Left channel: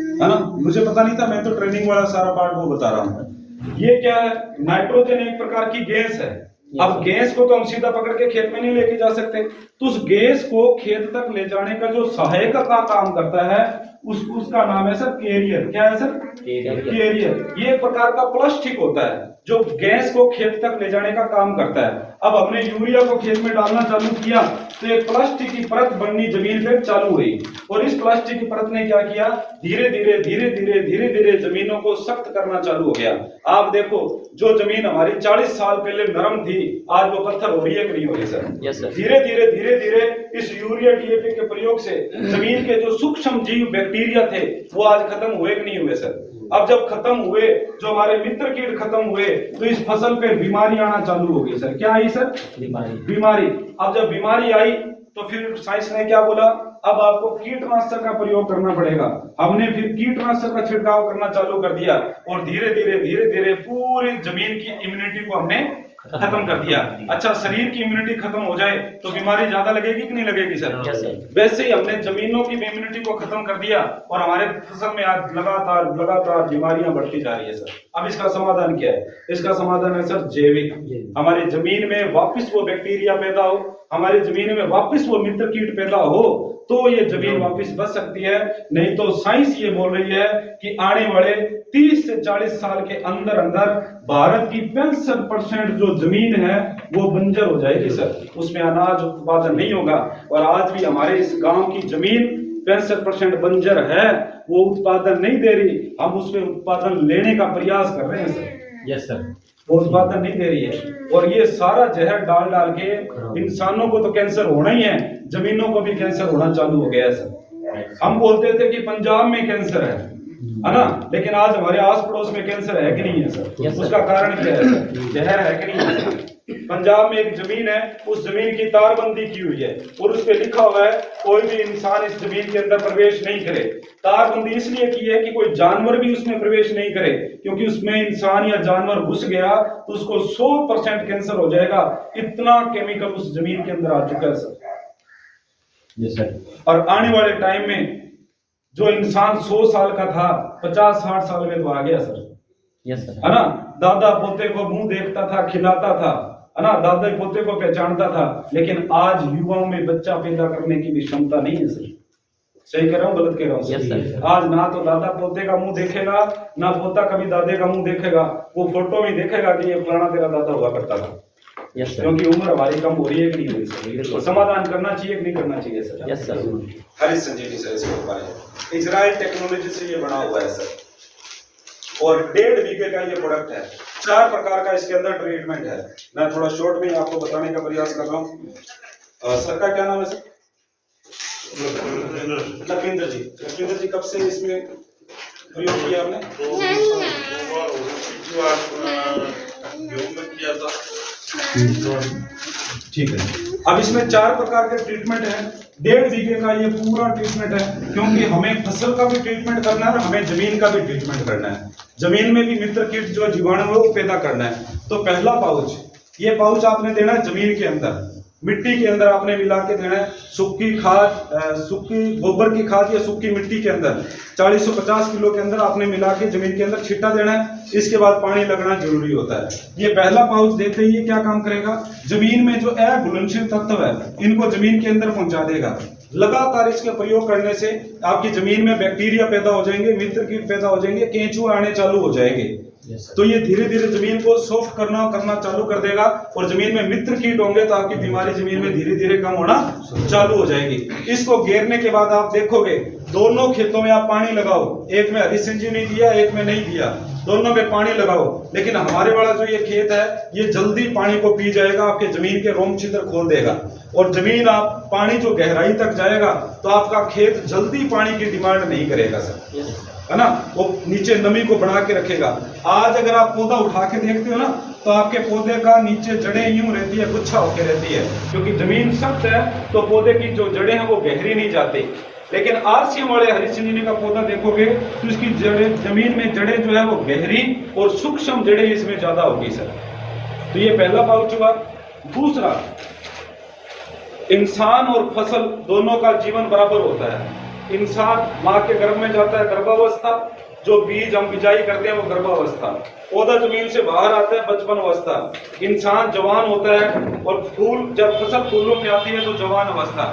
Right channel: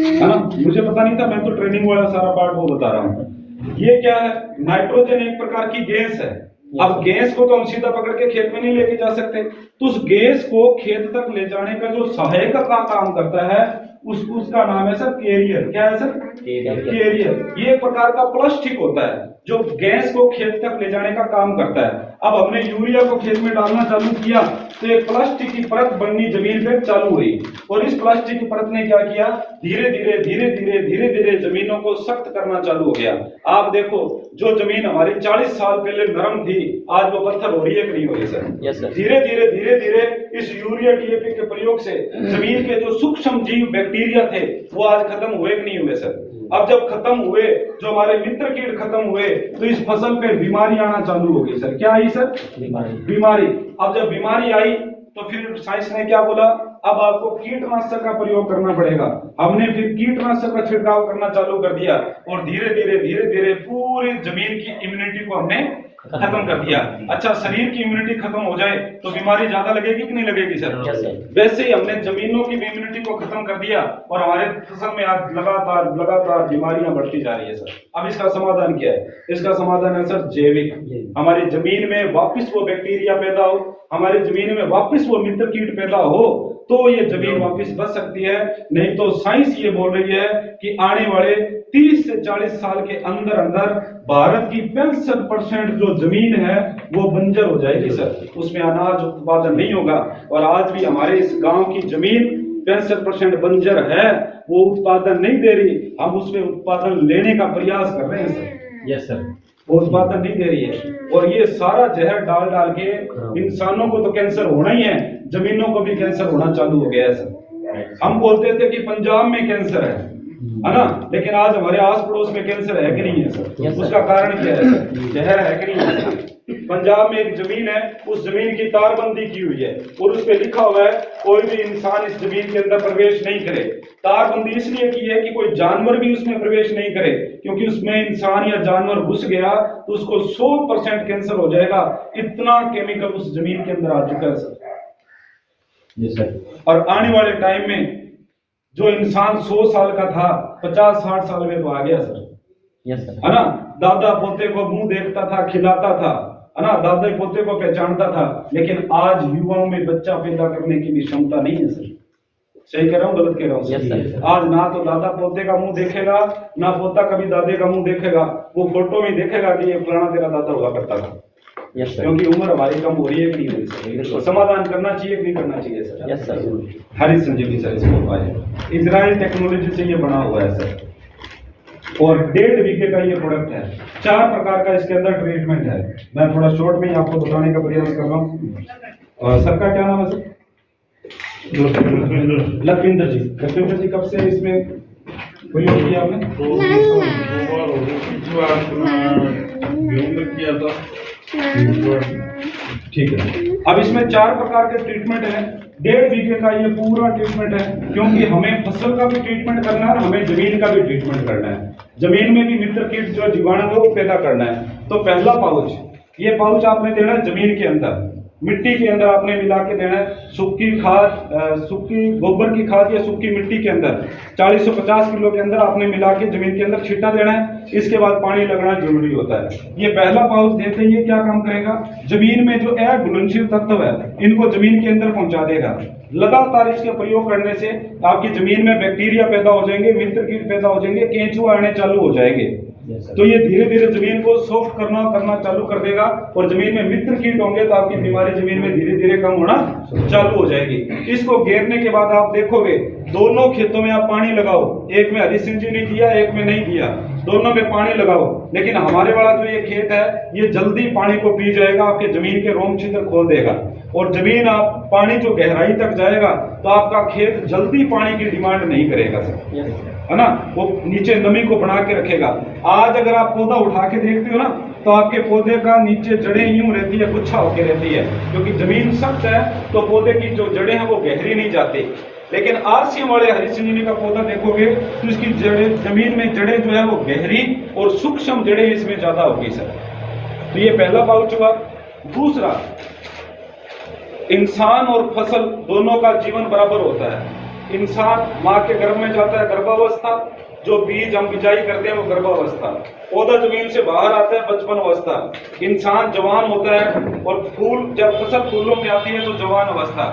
है ना। मुझे पता नहीं था, मैं तो ट्रेनिंग वाला सारा पार्ट वो बता रहा हूँ। ये क्या है, नाइट्रोजन एक प्रकार की गैस है। अब गैस को तो हम सीधा पकड़ के खेत में नहीं लेके जा सकते, तो उस गैस को खेत तक ले जाने का जो सहायक का काम करता है उसका नाम है सर कैरियर। क्या है सर? कैरियर। ये एक प्रकार का प्लास्टिक होता है जो गैस को खेत तक ले जाने का काम करता है। अब हमने यूरिया को खेत में डालना चालू किया तो एक प्लास्टिक की परत बननी जमीन पे चालू हुई, और इस प्लास्टिक की परत ने क्या किया, धीरे धीरे जमीनों को सख्त करना चालू हो गया। आप देखो, जो जमीन हमारी 40 साल पहले नरम थी, आज वो पत्थर हो रही है कि नहीं हो रही सर? धीरे धीरे इस यूरिया डीएपी के प्रयोग से जमीन के जो सूक्ष्म जीव बैक्टीरिया थे वो आज खत्म हुए कि नहीं हुए सर? अब जब खत्म हुए, जो हमारे मित्र कीट खत्म हुए, तो इस फसल पे बीमारी आना चालू हो गई सर। क्या आई सर? बीमारी। अब जब बीमारी आई तो फिर साइंस ने क्या बोला, अब आपको कीटनाशक का प्रयोग करना पड़ेगा। हमने फिर कीटनाशक का छिड़काव करना चालू कर दिया, और धीरे धीरे पूरी जमीन की इम्यूनिटी को हमने खत्म कर दिया। अच्छा, शरीर की इम्यूनिटी खत्म हो जाए तो बीमारी ज्यादा लगेगी कि नहीं लगेगी सर? वैसे ही हमने जमीनों की इम्यूनिटी को खत्म कर दिया, और हमारे फसल में आज लगातार बीमारियां बढ़ती जा रही है सर। अब इसका समाधान क्या है? इसका समाधान है सर जैविक। हमारी जमीन में वापस वो बैक्टीरिया पैदा हो, हमारी जमीन में वापस वो मित्र कीट पैदा हो, तो ये जमीन वापस बच सकती है। नहीं तो साइंस ये बोल रही है कि आने वाले 30 से 40 साल के अंदर भारत की 65% जो जमीन है वो बंजर हो जाएगी सर, उसमें अनाज उत्पादन नहीं होगा। और आज भी हमारे इस गांव की जमीन 65% बंजर है, वो उत्पादन नहीं दे रही। हम उसमें उत्पादन लेने का प्रयास कर रहे हैं सर। Yes sir. वो उत्पादन नहीं दे रही है, और ये सारा जहर डाल के इंसानों को तो कैंसर होना ही है, जमीनों को भी कैंसर होना चालू हो गया है सर। हम बोलते थे कि पंजाब में कैंसर है ना, लेकिन आज हमारे आस पड़ोस में कैंसर है कि नहीं है सर? उसका कारण क्या है सर? जहर है कि नहीं है? पंजाब में एक जमीन है, उस जमीन की तारबंदी की हुई है, और उस पे लिखा हुआ है कोई भी इंसान इस जमीन के अंदर प्रवेश नहीं करे। तारबंदी इसलिए की है कि कोई जानवर भी उसमें प्रवेश नहीं करे, क्योंकि उसमें इंसान या जानवर घुस गया तो उसको 100% कैंसर हो जाएगा। इतना केमिकल उस जमीन के अंदर आ चुका है सर। Yes sir. और आने वाले टाइम में जो इंसान 100 साल का था, 50-60 साल में तो आ गया सर। Yes sir. है ना। दादा पोते को मुंह देखता था, खिलाता था, है ना, दादा पोते को पहचानता था, लेकिन आज युवाओं में बच्चा पैदा करने की भी क्षमता नहीं है सर। सही कह रहा हूँ, गलत कह रहा हूँ? yes, sir. आज ना तो दादा पोते का मुंह देखेगा, ना पोता कभी दादे का मुंह देखेगा। वो फोटो में देखेगा कि ये फलाना तेरा दादा हुआ करता था। yes, क्योंकि उम्र हमारी कम हो रही है कि नहीं हो रही सर? समाधान करना चाहिए कि नहीं करना चाहिए सर? Yes sir. हरी संजीवनी सर इसको उपाय इजराइल टेक्नोलॉजी से ये बना हुआ है सर, और 1.5 बीघे का ये प्रोडक्ट है। 4 प्रकार का इसके अंदर ट्रीटमेंट है। मैं थोड़ा शॉर्ट में ही आपको बताने का प्रयास कर रहा हूँ। और सर का क्या नाम है सर? लखविंदर जी। लखविंदर जी, कब से इसमें प्रयोग किया आपने? किया था। ठीक है। अब इसमें 4 प्रकार के ट्रीटमेंट है। 1.5 बीघे का ये पूरा ट्रीटमेंट है, क्योंकि हमें फसल का भी ट्रीटमेंट करना है, हमें जमीन का भी ट्रीटमेंट करना है। जमीन में भी मित्र कीट जो जीवाणु है वो पैदा करना है। तो पहला पाउच, ये पाउच आपने देना है जमीन के अंदर, मिट्टी के अंदर आपने मिला के देना है। सूखी खाद, सूखी गोबर की खाद या सूखी मिट्टी के अंदर 40 से 50 किलो के अंदर आपने मिला के जमीन के अंदर छींटा देना है। इसके बाद पानी लगना जरूरी होता है। ये पहला पाउच देते ही क्या काम करेगा, जमीन में जो अघुलनशील तत्व है इनको जमीन के अंदर पहुंचा देगा। लगातार इसके प्रयोग करने से आपकी जमीन में बैक्टीरिया पैदा हो जाएंगे, मित्र कीट पैदा हो जाएंगे, केंचुए आने चालू हो जाएंगे। तो ये धीरे धीरे जमीन को सॉफ्ट करना चालू कर देगा, और जमीन में मित्र कीट होंगे तो आपकी बीमारी जमीन में धीरे धीरे कम होना चालू हो जाएगी। इसको घेरने के बाद आप देखोगे दोनों खेतों में आप पानी लगाओ, एक में हरी संजीवनी दिया, एक में नहीं दिया, दोनों में पानी लगाओ, लेकिन हमारे वाला जो ये खेत है ये जल्दी पानी को पी जाएगा, आपके जमीन के रोम छिद्र खोल देगा, और जमीन आप पानी जो गहराई तक जाएगा तो आपका खेत जल्दी पानी की डिमांड नहीं करेगा सर, है ना। वो नीचे नमी को बना के रखेगा। आज अगर आप पौधा उठा के देखते हो ना, तो आपके पौधे का नीचे जड़ें यूं रहती है, गुच्छा होके रहती है, क्योंकि जमीन सख्त है तो पौधे की जो जड़ें हैं वो गहरी नहीं जाती। लेकिन आरसीएम वाले हरी संजीवनी का पौधा देखोगे तो इसकी जड़ें, जमीन में जड़ें जो है वो गहरी और सूक्ष्म जड़ें इसमें ज्यादा होगी सर। तो ये पहला पाउच हुआ। दूसरा, इंसान और फसल दोनों का जीवन बराबर होता है। इंसान माँ के गर्भ में जाता है गर्भावस्था, जो बीज हम बिजाई करते हैं वो गर्भावस्था, पौधा जमीन से बाहर आता है बचपन अवस्था, इंसान जवान होता है और फूल जब फसल फूलों में आती है तो जवान अवस्था,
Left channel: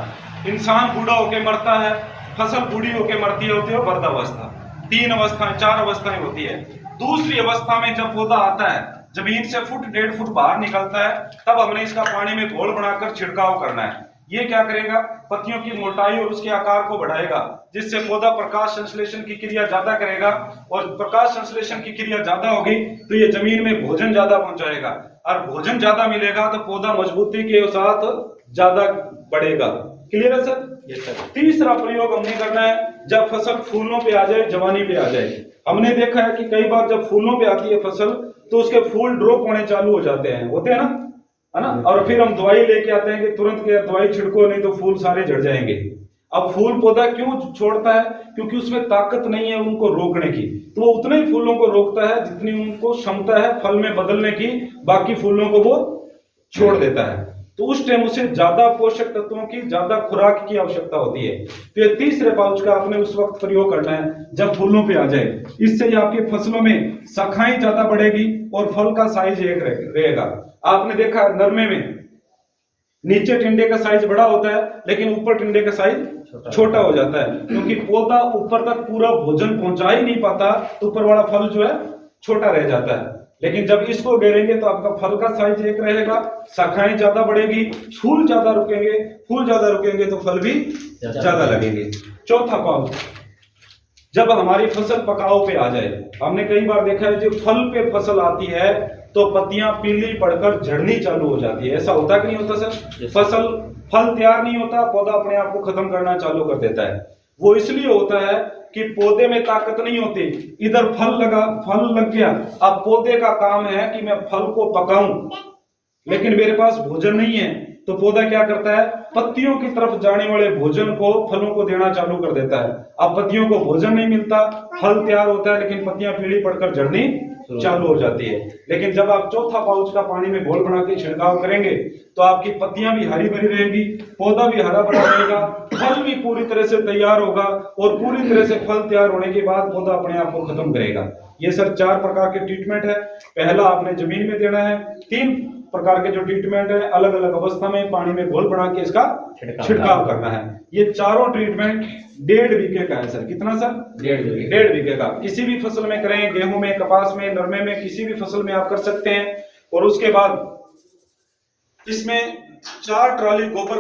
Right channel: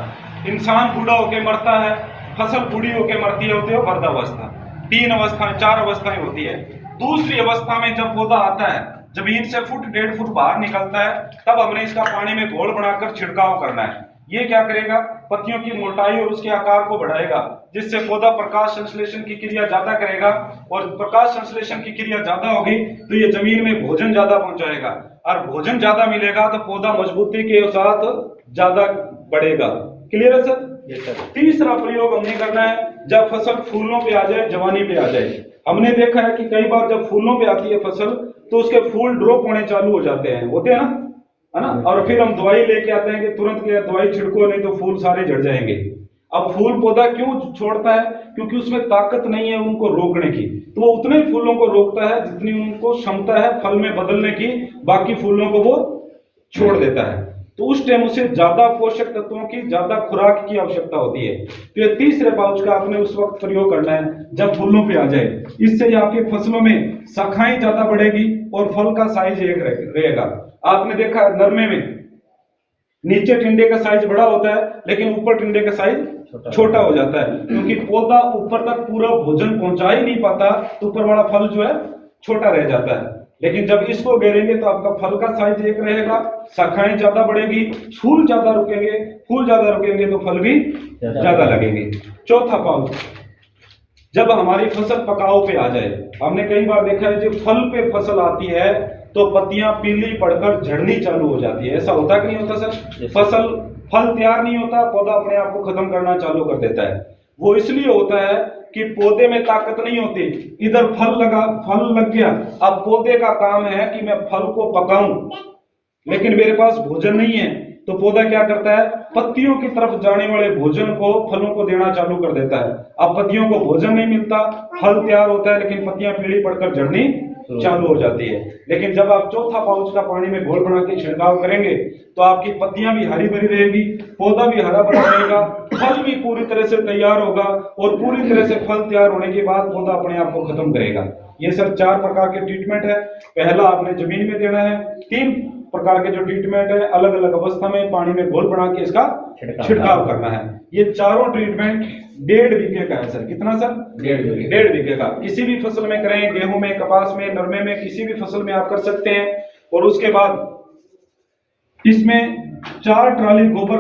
इंसान बूढ़ा होकर मरता है, फसल बूढ़ी होकर मरती है होती है वृद्धावस्था। 3 अवस्था 4 अवस्थाएं होती है। दूसरी अवस्था में जब पौधा आता है जमीन से फुट 1.5 फुट बाहर निकलता है, तब हमने इसका पानी में घोल बनाकर छिड़काव करना है। ये क्या करेगा, पत्तियों की मोटाई और उसके आकार को बढ़ाएगा, जिससे पौधा प्रकाश संश्लेषण की क्रिया ज्यादा करेगा, और प्रकाश संश्लेषण की क्रिया ज्यादा होगी तो ये जमीन में भोजन ज्यादा पहुंचाएगा, और भोजन ज्यादा मिलेगा तो पौधा मजबूती के साथ ज्यादा बढ़ेगा। क्लियर है सर? तीसरा प्रयोग हमने करना है जब फसल फूलों पे आ जाए, जवानी पे आ जाए। हमने देखा है कि कई बार जब फूलों पे आती है फसल तो उसके फूल ड्रॉप होने चालू हो जाते हैं, होते हैं ना, है ना, और फिर हम दवाई लेके आते हैं कि तुरंत क्या दवाई छिड़को नहीं तो फूल सारे झड़ जाएंगे। अब फूल पौधा क्यों छोड़ता है, क्योंकि उसमें ताकत नहीं है उनको रोकने की, तो वो उतने ही फूलों को रोकता है जितनी उनको क्षमता है फल में बदलने की, बाकी फूलों को वो छोड़ देता है। तो उस टाइम उसे ज्यादा पोषक तत्वों की, ज्यादा खुराक की आवश्यकता होती है। तो ये तीसरे पाउच का आपने उस वक्त प्रयोग करना है जब फूलों पे आ जाए। इससे आपकी फसलों में शाखाएं ज्यादा बढ़ेगी और फल का साइज एक रहेगा। आपने देखा नरमे में नीचे टिंडे का साइज बड़ा होता है लेकिन ऊपर टिंडे का साइज छोटा हो जाता है, क्योंकि पौधा ऊपर तक पूरा भोजन पहुंचा ही नहीं पाता, तो ऊपर वाला फल जो है छोटा रह जाता है। लेकिन जब इसको घेरेंगे तो आपका फल का साइज एक रहेगा, शाखाएं ज्यादा बढ़ेगी, फूल ज्यादा रुकेंगे तो फल भी ज्यादा लगेंगे। चौथा पाउच, जब हमारी फसल पकाव पे आ जाए, हमने कई बार देखा है जब फल पे फसल आती है तो पत्तियां पीली पड़कर झड़नी चालू हो जाती है। ऐसा होता कि नहीं होता सर? फल तैयार नहीं होता, पौधा अपने आप को खत्म करना चालू कर देता है। वो इसलिए होता है कि पौधे में ताकत नहीं होती, इधर फल लग गया, अब पौधे का काम है कि मैं फल को पकाऊं, लेकिन मेरे पास भोजन नहीं है, तो पौधा क्या करता है, पत्तियों की तरफ जाने वाले भोजन को फलों को देना चालू कर देता है। अब पत्तियों को भोजन नहीं मिलता, फल तैयार होता है लेकिन पत्तियां पीली पड़कर झड़नी चालू हो जाती है। लेकिन जब आप चौथा पाउच का पानी में घोल बना के छिड़काव करेंगे तो आपकी पत्तियां भी हरी भरी रहेगी, पौधा भी हरा भरा रहेगा, फल भी पूरी तरह से तैयार होगा, और पूरी तरह से फल तैयार होने के बाद पौधा अपने आप को खत्म करेगा। ये सर 4 प्रकार के ट्रीटमेंट है। पहला आपने जमीन में देना है, 3 प्रकार के जो ट्रीटमेंट है अलग अलग अवस्था में पानी में घोल बना के इसका छिड़काव करना है। ये चारों ट्रीटमेंट 1.5 बीघे का है सर। कितना सर? 1.5 बीघे का। किसी भी फसल में करें, गेहूं में, कपास में, नरमे में, किसी भी फसल में आप कर सकते हैं। और उसके बाद इसमें 4 ट्राली गोबर